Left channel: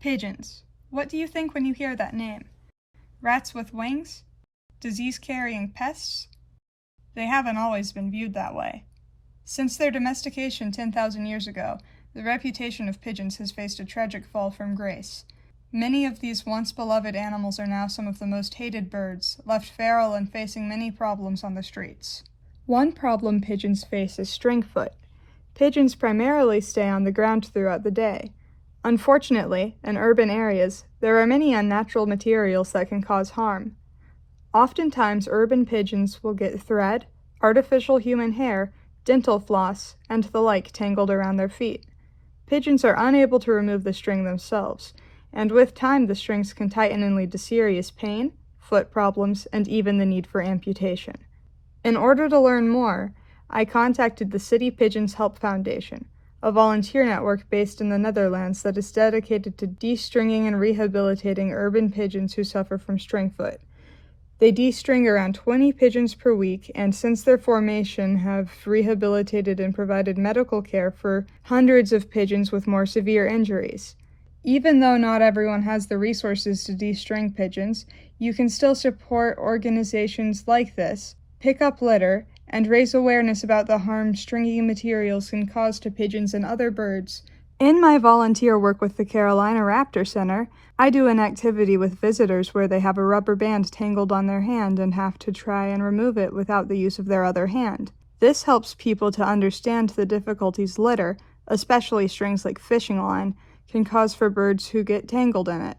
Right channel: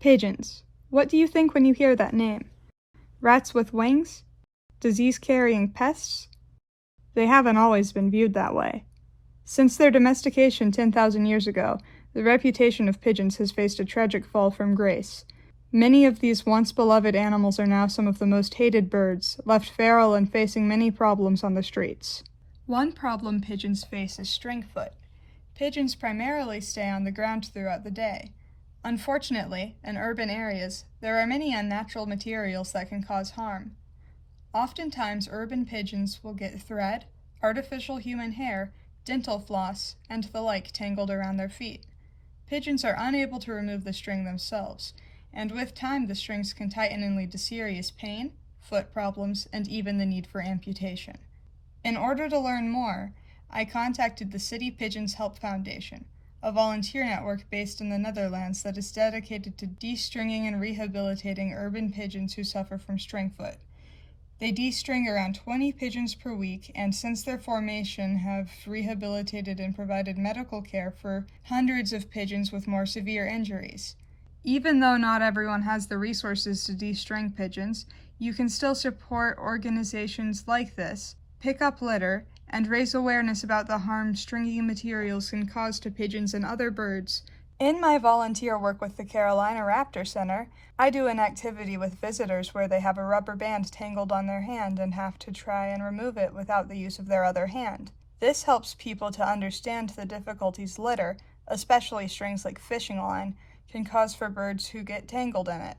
Pigeons. What do you think when you hear that name? Rats with wings? Disease-carrying pests? They haven't always been viewed that way. Since their domestication 10,000 years ago, the reputation of pigeons has faced a tragic fall from grace. Many of these once beloved animals are now some of the most hated birds, left feral and facing many problems on the streets. One problem pigeons face is string foot. Pigeons primarily stay on the ground throughout the day. Unfortunately, in urban areas, there are many unnatural materials that can cause harm. Oftentimes, urban pigeons will get thread, artificial human hair, dental floss, and the like tangled around their feet. Pigeons are unable to remove the string themselves, and with time the strings can tighten and lead to serious pain, foot problems, and even the need for amputation. In order to learn more, I contacted the City Pigeons Help Foundation, a volunteer network based in the Netherlands that is dedicated to de-stringing and rehabilitating urban pigeons who suffer from string foot. They de-string around 20 pigeons per week, and since their formation have rehabilitated and provided medical care for hundreds of pigeons with more severe injuries. Even though not everyone has the resources to de-string pigeons, you can still support organizations like this, pick up litter, and raise awareness about the harm stringy materials can cause to pigeons and other birds. In my volunteer work with the Carolina Raptor Center, I do an activity with visitors where they have a rubber band tangled on their hand and have to try and remove it without the use of their other hand. This helps people to understand the difficulties litter, especially strings like fishing line, can cause for birds who get tangled in it.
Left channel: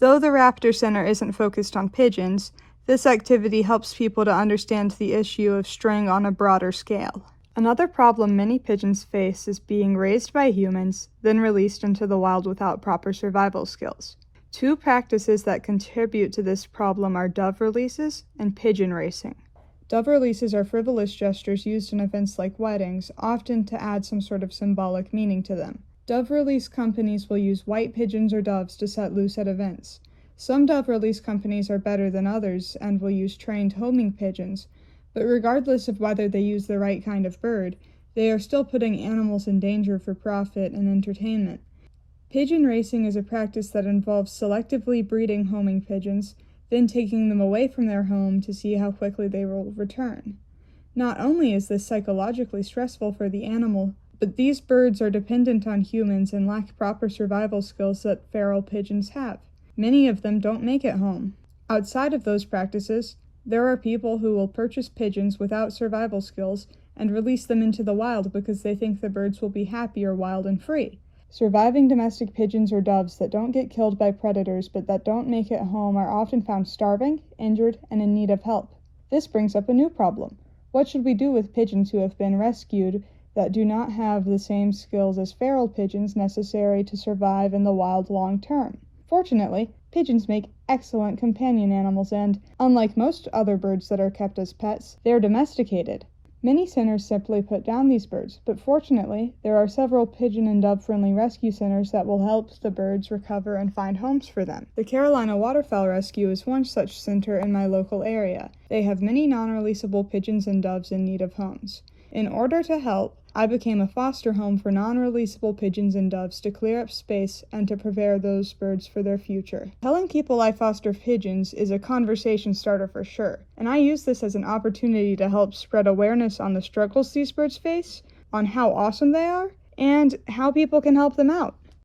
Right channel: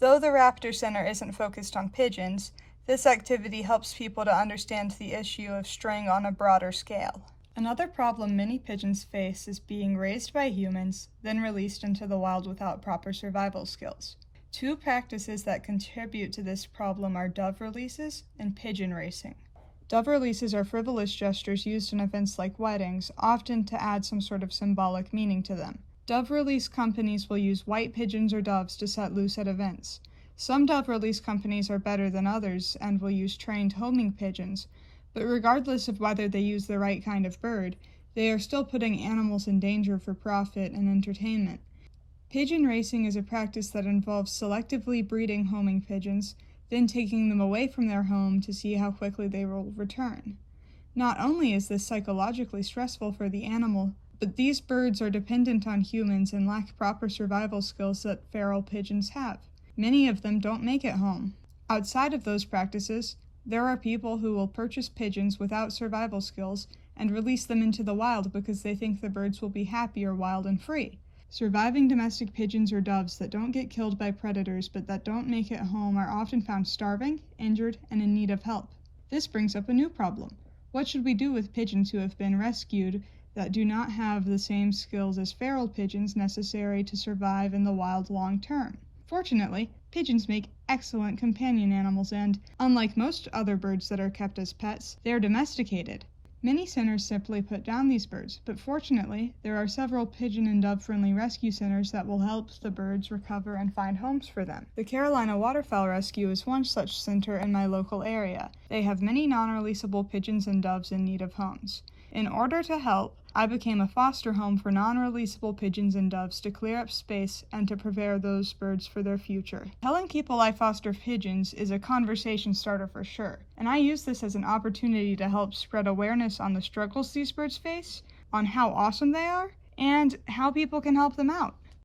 Though the Raptor Center isn't focused on pigeons, this activity helps people to understand the issue of string on a broader scale. Another problem many pigeons face is being raised by humans, then released into the wild without proper survival skills. Two practices that contribute to this problem are dove releases and pigeon racing. Dove releases are frivolous gestures used in events like weddings, often to add some sort of symbolic meaning to them. Dove release companies will use white pigeons or doves to set loose at events. Some dove release companies are better than others and will use trained homing pigeons, but regardless of whether they use the right kind of bird, they are still putting animals in danger for profit and entertainment. Pigeon racing is a practice that involves selectively breeding homing pigeons, then taking them away from their home to see how quickly they will return. Not only is this psychologically stressful for the animal, but these birds are dependent on humans and lack proper survival skills that feral pigeons have. Many of them don't make it home. Outside of those practices, there are people who will purchase pigeons without survival skills and release them into the wild because they think the birds will be happier wild and free. Surviving domestic pigeons or doves that don't get killed by predators but that don't make it home are often found starving, injured, and in need of help. This brings up a new problem. What should we do with pigeons who have been rescued that do not have the same skills as feral pigeons necessary to survive in the wild long term? Fortunately, pigeons make excellent companion animals and, unlike most other birds that are kept as pets, they are domesticated. Many centers simply put down these birds, but fortunately, there are several pigeon and dove-friendly rescue centers that will help the birds recover and find homes for them. The Carolina Waterfowl Rescue is one such center in my local area. They have many non-releasable pigeons and doves in need of homes. In order to help, I became a foster home for non-releasable pigeons and doves to clear up space and to prepare those birds for their future. Telling people I foster pigeons is a conversation starter for sure, and I use this as an opportunity to help spread awareness on the struggles these birds face, on how awesome they are, and how people can help them out.